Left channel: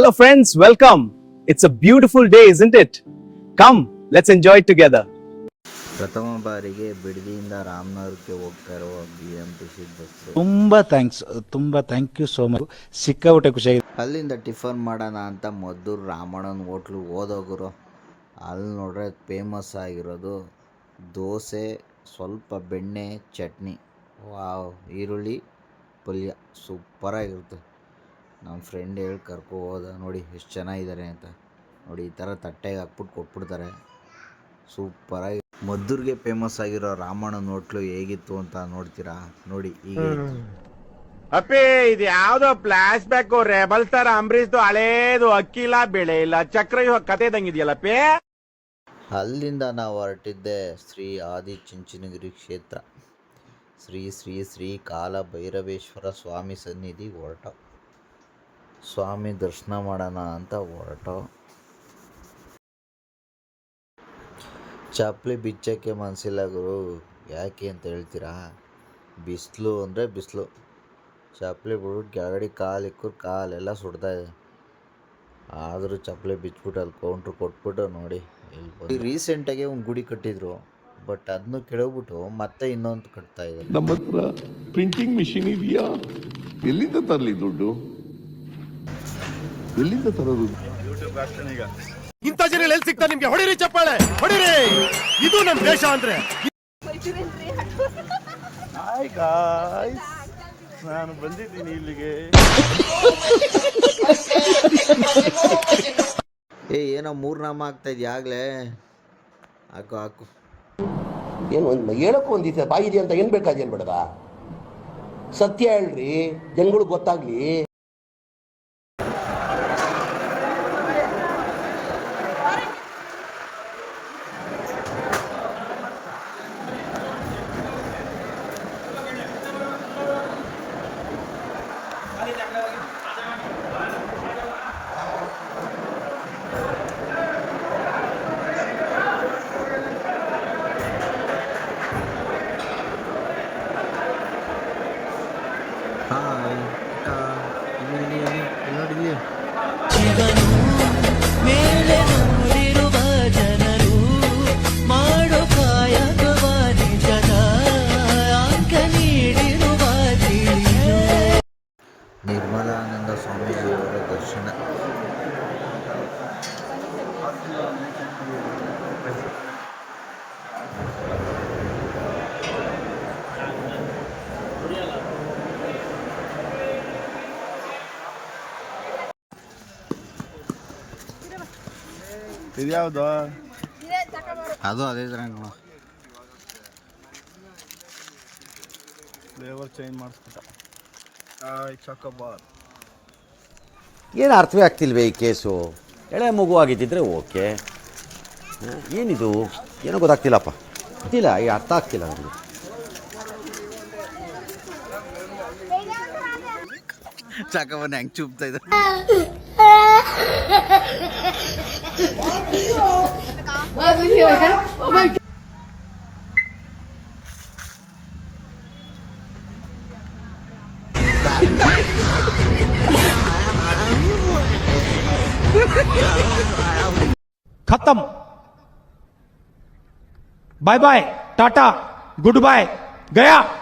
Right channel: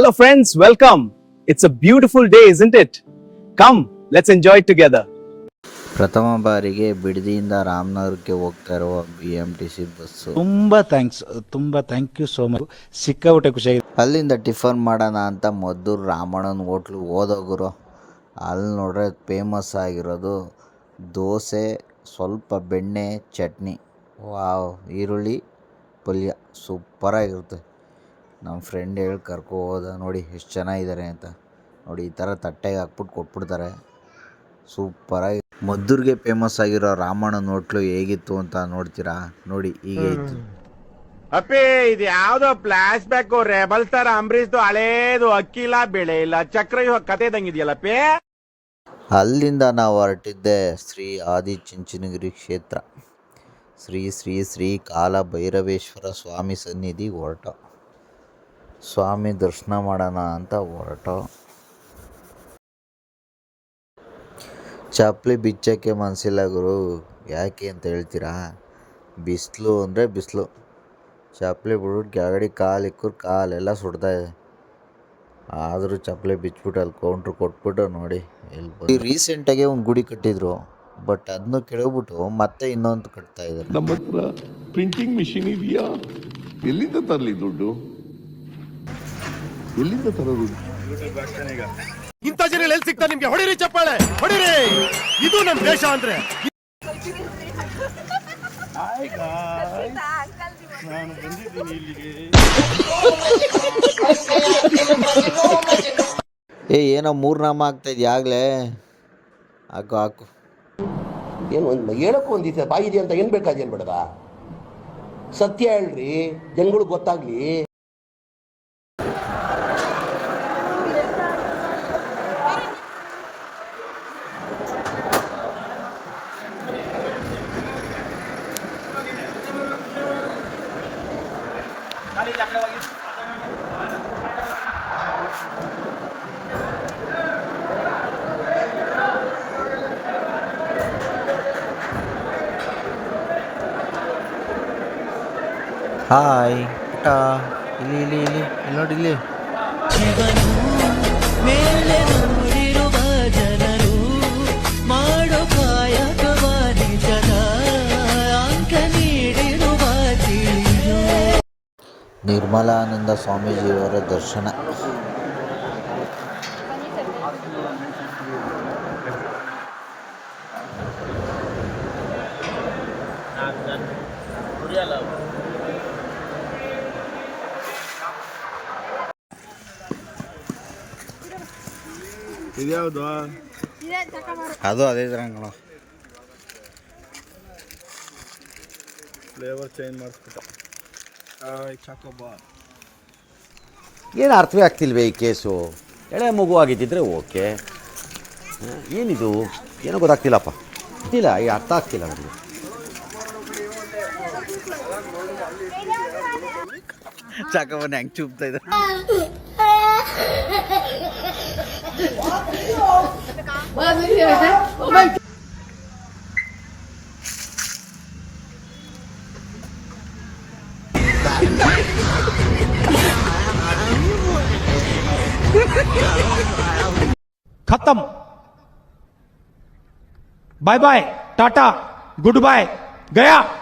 Hello friends, welcome. It's a beautiful day, isn't it? Come, let's enjoy it together. ಪ್ರಥಮ ಬಾರಿಗೆ ಬಿಡದಿಯಿಂದ ರಾಮನಗರಕ್ಕೆ ಹೋಗ್ತಾ ಇರುವ BMTC bus. ತುಂಬ thank you so much. ಸಿಕ್ಕಾಬಿಟ್ಟೆ ಖುಷಿಯಾಗಿದೆ. ಅಲ್ಲಿಂದ ಟಿಫನ್ ಮಾಡೋಣ ಅಂತ ಮದ್ದೂರು ರಾಮಣ್ಣನ ಹೋಟ್ಲು ಹೋದೋಗುರು. ಅಲ್ಲಿ ನೋಡ್ರೆ ಫೇಮಸ್ ಆಗಿರೋದು ದೋಸೆ, ಸ್ವಲ್ಪ ಬೆಣ್ಣೆ, ಚಟ್ನಿ, ವಾವ್, ಈರುಳ್ಳಿ ಪಲ್ಯ ಸೂಪರಾಗಿರುತ್ತೆ. ನಮ್ಮ ಫ್ರೆಂಡ್ ಹೇಳಿ ಕರ್ಕೊ ಹೋದ, ನೋಡಿ ಎಷ್ಟು ಚೆನ್ನಾಗಿದ್ದಾರೆ ಅಂತ. ನೋಡಿ ಈ ಥರ ತಟ್ಟೆಗೆ ಹಾಕ್ಬಿಟ್ಟು ಕೊಟ್ಬಿಡ್ತಾರೆ, ಸೂಪರಾಗಿ. ಮದ್ದೂರಿಗೆ ಫೇಮಸ್ ಆಗಿರೋ ರಾಮಣ್ಣನ ಹೋಟ್ಲು ಹೇಗಿತ್ತು ಅಂತ ನೋಡ್ತೀರಾ? ನೋಡಿ ಹೀಗೆ ಇತ್ತು. ಅಪ್ಪಿ, ಇದು ಯಾವ್ದೋ ಫ್ಲಾಶ್ ಬ್ಯಾಕ್ ರೆಬಲ್ ಸ್ಟಾರ್ ಅಂಬರೀಶ್ದು ಹಳೇದು, ಅಕ್ಕಿ ಇಲ್ಲ, ಬೆಳೆ ಇಲ್ಲ, ಚಕ್ರ ಕತೆ ಇದ್ದಂಗಿದೆಯಲ್ಲಪ್ಪಿ. ಅಲ್ಲಿಂದ ನಾವು ಹೊರಟಿದ್ದೆ ಶ್ರೀ ಆದಿಚುಂಚನಗಿರಿ ಕ್ಷೇತ್ರ, ಶ್ರೀ ಶ್ರೀ ಶ್ರೀ ಕಾಲ ಭೈರವೇಶ್ವರ ಸ್ವಾಮಿ ಸನ್ನಿಧಿ ಹೊರಟ. ಸ್ವಾಮಿ ದರ್ಶನ ಮಾಡೋಣ ಅಂತ ಹೊರಟ. ಚಪ್ಪಲಿ ಬಿಚ್ಚಕ್ಕೆ ಮನಸ್ಸಿಲ್ಲ ಗುರು. ಯಾಕೆ ಅಂತ ಹೇಳ್ತೀರಾ? ಬಿಸಿಲು ಅಂದರೆ ಬಿಸಿಲು. ಚಪ್ಪಲಿ ಬಿಟ್ಬಿಟ್ಟು ಕೆಳಗಡೆ ಕಾಲಿಕ್ಕರು ಕಾಲೆಲ್ಲ ಸುಡ್ತಾಯಿದೆ. ಆದರೂ ಚಪ್ಪಲಿ ಬಿಚ್ಬಿಟ್ಟು ಅಲ್ಲಿ ಕೌಂಟ್ರ್ ಕೊಟ್ಬಿಟ್ಟು ನೋಡಿ ಇಲ್ಲಿ ರೀಸೆಂಟಾಗೆ ಒಂದು ಗುಡಿ ಕಟ್ಟಿದ್ರು, ಬಟ್ ಅದನ್ನು ಕೆಳಗ್ಬಿಟ್ಟು ಮತ್ತೆ ಇನ್ನೊಂದು ಕಟ್ತಾ ಇದ್ದಾರೆ. ನಮ್ಮ ಹತ್ರ ಪ್ರಿಂಟಿಂಗ್ ಮಿಷಿನ್ ಇದೆಯಾ? ಎಲ್ಲಿಂದ ತರಲಿ ದುಡ್ಡು? ಎಲ್ಲಿಂದ ತರೋದು? ಇಂಥ ಜನ ಎಲ್ಲಿ ಸಿಗ್ತಾ ನಿಮ್ಗೆ? ಹೊಡಿರಿ ಚಪ್ಪಾಳೆ, ಹೊಡಿರಿ. ಇದು ನಮ್ ದೇಶ ಅಂದ್ರೆ. ನಾನು ಬಂದಿದ್ದೀನಿ ಇಲ್ಲಿಗೆ. ಏನೋ ಮೂರು ನಾಮ ಆಗ್ತಾ ಇದೆಯಾ ಆಗ್ಲೇ? ಹಾಕು ಹಾಕು. ಏನು ಒಂದು ಹೇಳಕ್ಕೂ ಒಂದಿದೆ ಬಾಯಿದೆ ಅಂತ ಏನು ಬೇಕಾದೇನು ಬೇಡದ? ಸತ್ಯ ಹೇಳ್ರಿ, ಜನಗಳಿಗೆ ಗೊತ್ತಾಗ್ಲಿ. ಹಾಯ್ ಪುಟ್ಟ, ಇಲ್ಲಿ ಇಲ್ಲಿ ಇಲ್ಲಿ ಇಲ್ಲಿ ನೋಡಿ ಇಲ್ಲಿ. ಶಿವನು ಮೇಲೆ ನೋಡಿರುವ ಜನರು ಮಾಡೋ ಕಾಯಕವ ನಿಜದ ಅಂಕ ನೀಡಿರುವ ತಿಳಿಯೋ. ನಿರ್ಮಲಾನಂದ ಸ್ವಾಮೀಜಿಯವರ ದರ್ಶನ. ಇದ್ಯಾವ್ದು? ಅದು ಅದೇ ಥರ ಕಣೋ. Flavour change ಮಾಡಿಸ್ಬಿಟ್ಟ. ಚಾಕೋಬಾರ್ ಏನು ಅರ್ಥವೇ ಆಗ್ತಿಲ್ವೇ ಈ ಕೇಸು? ಎಳೆ ಮಗು ಆಗಿದ್ದಿದ್ರೆ ಓಕೆ, ಏನಿದು ಏನೋ ಗೊತ್ತಾಗ್ತಿಲ್ಲಪ್ಪ. ಗೊತ್ತಿಲ್ಲ, ಈ ಅರ್ಥ ಆಗ್ತಿಲ್ಲ ನನಗೆ. ಚಾಕವನ್ನ ಹೆಂಗೆ ಚೂಪ್ತಾ ಇದ್ದಾರೆ. खत्म. Bye bye, tata, goodbye, गया.